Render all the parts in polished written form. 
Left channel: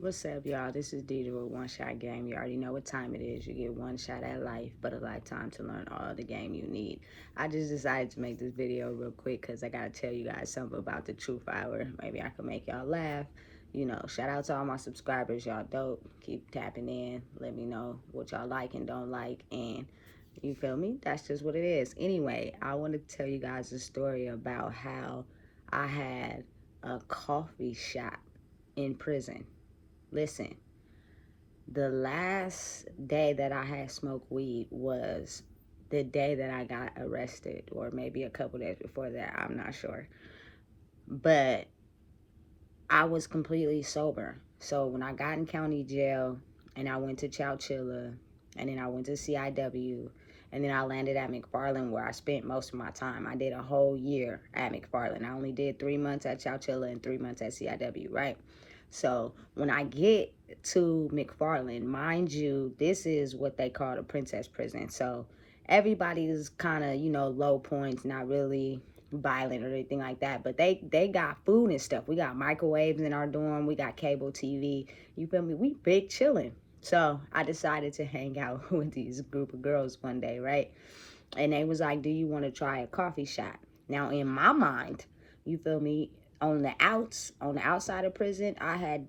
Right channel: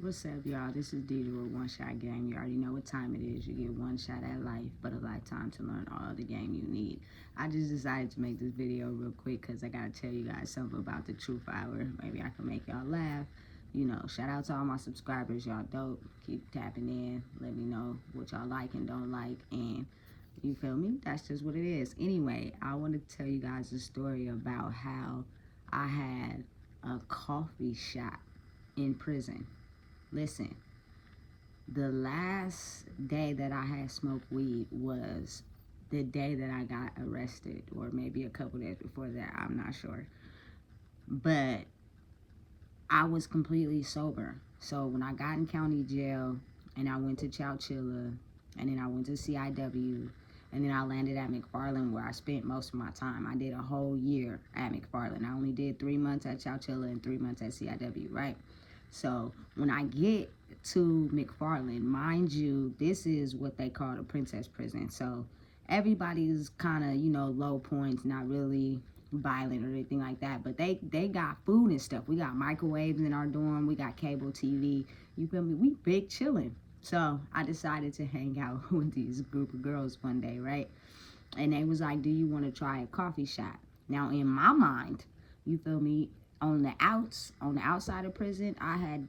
What's up, y'all? This is Deidre with One Shot Game. You already know what time it is. You get one shot at life, but a lifetime to learn all the game you need. I just decided to make this video real quick because I gotta tell you guys something about the Truth Hour. Maybe I can make y'all laugh. Shout out to all my subscribers. Y'all dope. Keep tapping in. Let me know what y'all like and don't like. And you feel me? That's just what it is. Anyway, I want to tell you guys a story about how I had a coffee shop in prison. Listen, the last day that I had smoked weed was the day that I got arrested, or maybe a couple days before that. I'm not sure. But I was completely sober. So when I got in county jail and I went to Chowchilla and then I went to CIW and then I landed at McFarland where I spent most of my time. I did a whole year at McFarland. I only did 3 months at Chowchilla and 3 months at CIW, right? So when I get to McFarland, mind you, this is what they call the princess prison. So everybody's kind of, low points, not really violent or anything like that, but they got food and stuff. We got microwaves in our dorm, we got cable TV, you feel me? We big chilling. So I decided to hang out with these group of girls one day, right? And they was like, do you want to try a coffee shop? Now in my mind, you feel me, on the outside of prison, I had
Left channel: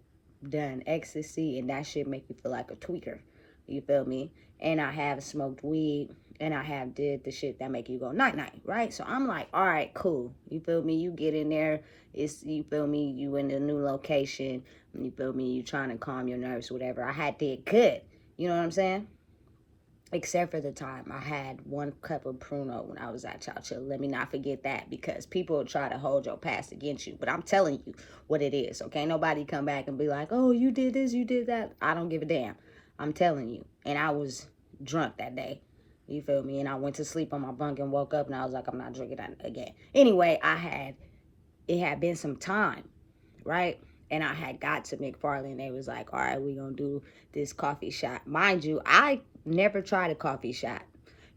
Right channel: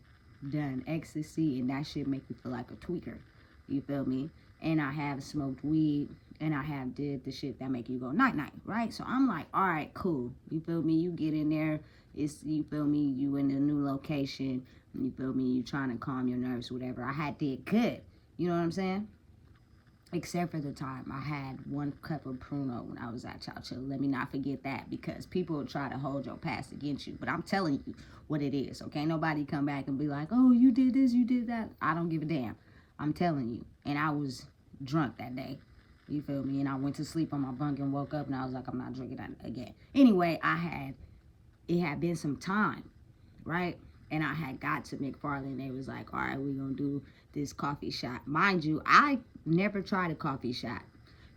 done ecstasy and that shit make me feel like a tweaker. You feel me? And I have smoked weed and I have did the shit that make you go night night, right? So I'm like, all right, cool. You feel me? You get in there, you feel me, you in the new location, you feel me, you trying to calm your nerves, whatever. I had did good. You know what I'm saying? Except for the time I had 1 cup of Pruno when I was at Chowchilla. Let me not forget that, because people will try to hold your past against you. But I'm telling you what it is, okay? Nobody come back and be like, oh, you did this, you did that. I don't give a damn. I'm telling you. And I was drunk that day. You feel me? And I went to sleep on my bunk and woke up and I was like, I'm not drinking that again. Anyway, it had been some time, right? And I had got to McFarland. They was like, all right, we're going to do this coffee shop. Mind you, I never tried a coffee shop.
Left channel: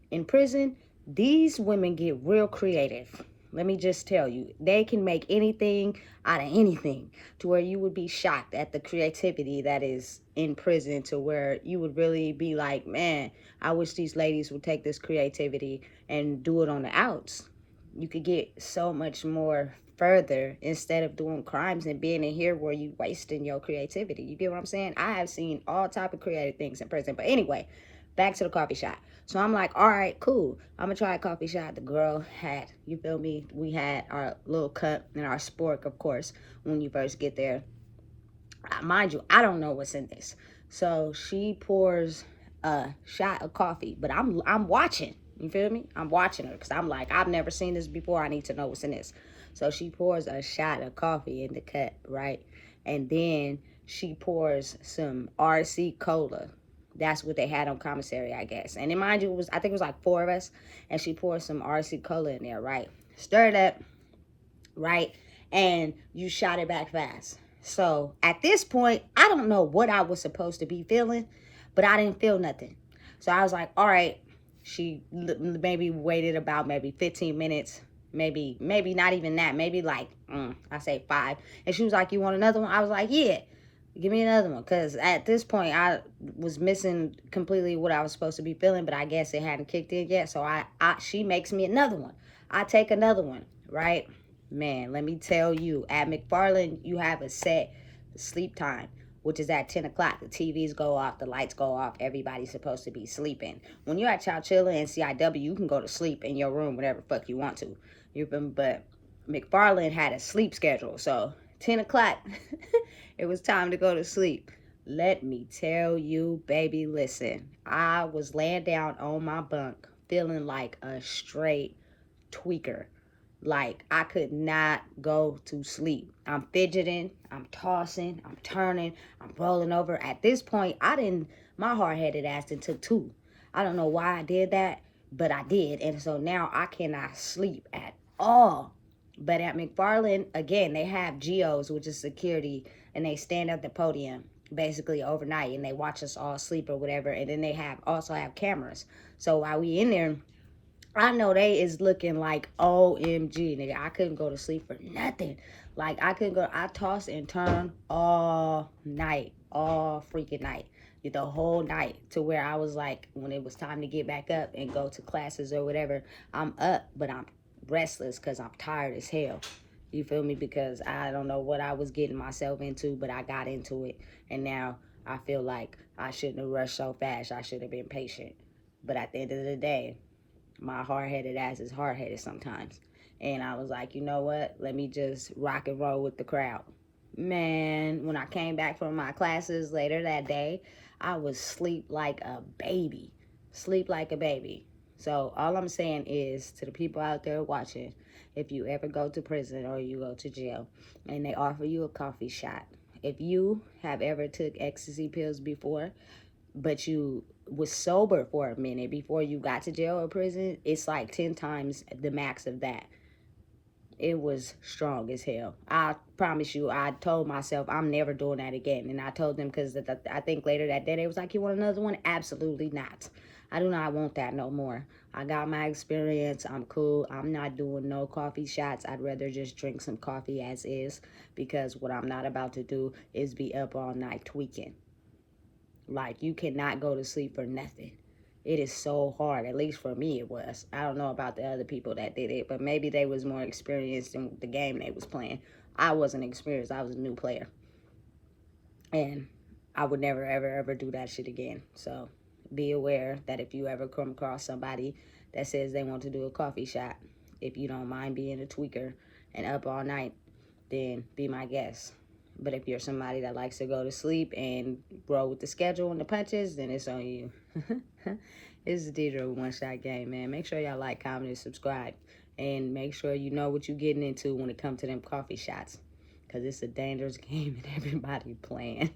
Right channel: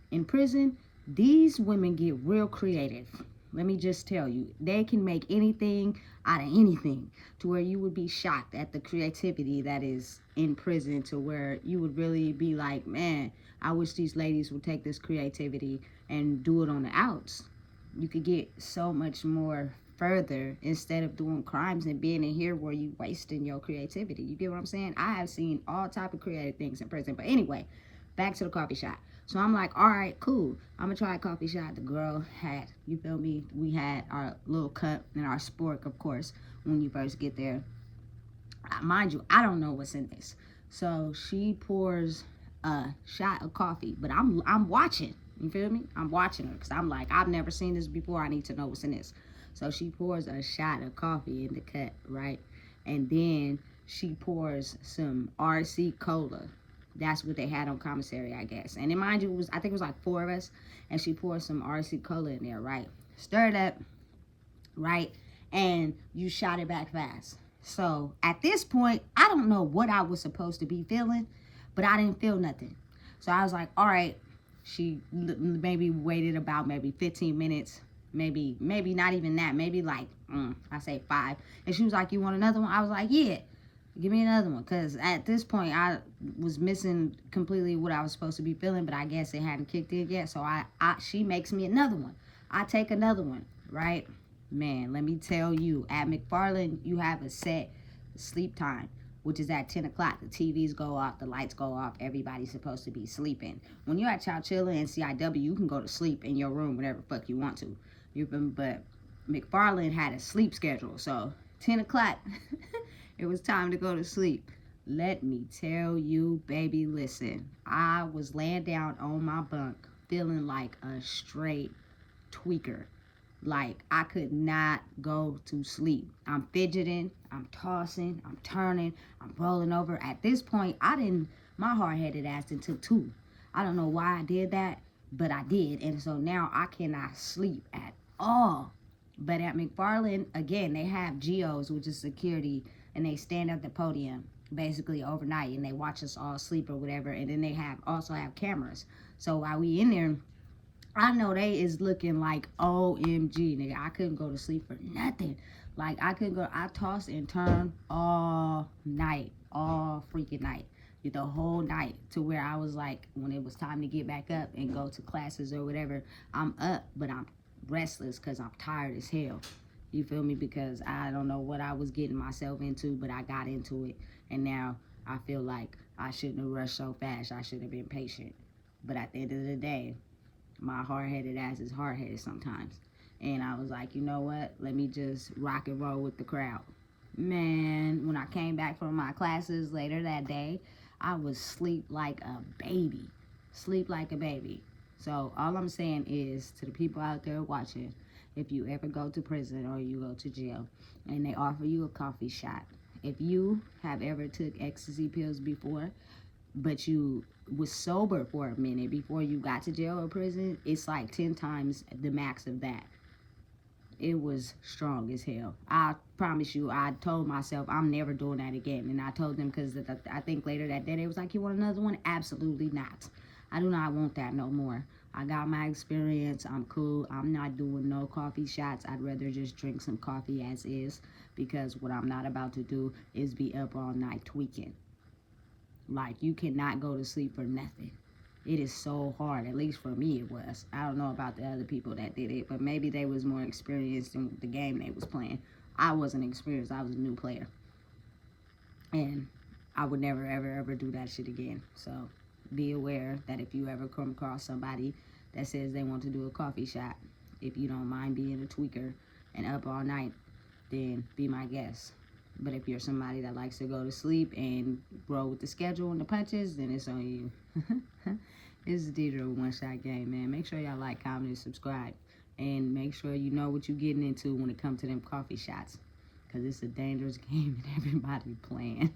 In prison, these women get real creative. Let me just tell you, they can make anything out of anything, to where you would be shocked at the creativity that is in prison, to where you would really be like, man, I wish these ladies would take this creativity and do it on the outs. You could get so much more further instead of doing crimes and being in here where you wasting your creativity. You get what I'm saying? I have seen all type of creative things in prison. But anyway, back to the coffee shop. So I'm like, all right, cool. I'm gonna try a coffee shop. The girl had, you feel me? We had our little cup and our spork, of course, when you first get there. Mind you, I don't know what's in this. So she pours a shot of coffee, but I'm watching. You feel me? I'm watching her because I'm like, I've never seen this before. I need to know what's in this. So she pours a shot of coffee in the cup, right? And then she pours some RC cola. That's what they had on commissary, I guess. And then mind you, I think it was like 4 of us, and she pours some RC cola in there, right? Stir it up, right? And you shot it back fast. So at this point, I don't know what I was supposed to be feeling, but I didn't feel nothing. So I was like, all right. She maybe waited about maybe 15 minutes, maybe not even that, maybe like I say 5. And she was like, you want another one? I was like, yeah, give me another one, because at this point I was missing completely what I was supposed to be feeling, but I guess it hadn't kicked in yet. So she makes me another one. I take another one, right? Man, let me tell you, at McFarland, you have a set sleep time, which is at 10 o'clock. The TVs go off, the lights go off, everybody's supposed to be sleeping. When you're at Chowchilla and CIW, you can go to sleep in your room whenever the fuck you want to. But McFarland had a sleep schedule, so 10 o'clock, it was time to go to sleep. Let me tell you, baby, listen, I was laying down on my bunk feeling like a straight tweaker. Like, I could not go to sleep. I'm fidgeting, I'm tossing, I'm turning, I'm rolling over. At this point, my hard-headed ass done took 2. I don't know why I did that, but I did. And so now I cannot sleep at all. But at McFarland, again, they have GOs, which is security, and they stand at the podium basically overnight, and they watch us all sleep or whatever. And then they also have cameras. So while we in there, I know they is looking like OMG, nigga. I couldn't go to sleep for nothing. Like, I couldn't go. I tossed and turned all night. all freaking night, the whole night, to where I was like, when it was time to get back up and go to classes or whatever, I'm up, but I'm restless because I'm tired as hell. You feel me? Because I don't know what I was getting myself into, but I got into it. And now I feel like I shouldn't have rushed so fast. I should have been patient. But at the end of the day, my hard-headed ass is hard-headed sometimes. And I was like, you know what? Let me just rock and roll with the crowd. Man, when I came back from my classes later that day, I was sleep like a baby. Sleep like a baby. So all I'm saying is, to the people out there watching, if you ever go to prison or you go to jail and they offer you a coffee shot, if you have ever took ecstasy pills before, but you was sober for a minute before you got to jail or prison, it's like 10 times the max of that. It was strong as hell. I promise you, I told myself I'm never doing that again. And I told them, because I think later that day they was like, you want another one? Absolutely not. I do not want that no more. I got my experience. I'm cool. I'm not doing no coffee shots. I'd rather just drink some coffee as is, because what I'm not about to do is be up all night tweaking. Like, you cannot go to sleep for nothing. It is so hard. At least for me it was. I don't know about the other people that did it, but maybe they was more experienced in the game they was playing. I wasn't experienced. I was a new player. And I would never, ever, ever do that shit again. So be aware that if you ever come across somebody that says they want to do a coffee shot, if you don't mind being a tweaker and up all night, then be my guest. But if you're somebody that likes to go to sleep and roll with the schedule and the punches, then it's on you. This is Deidre with One Shot Game, man. Make sure y'all like, comment, and subscribe. And make sure you know what you're getting into when it comes to them coffee shots, because it's a dangerous game and everybody playing.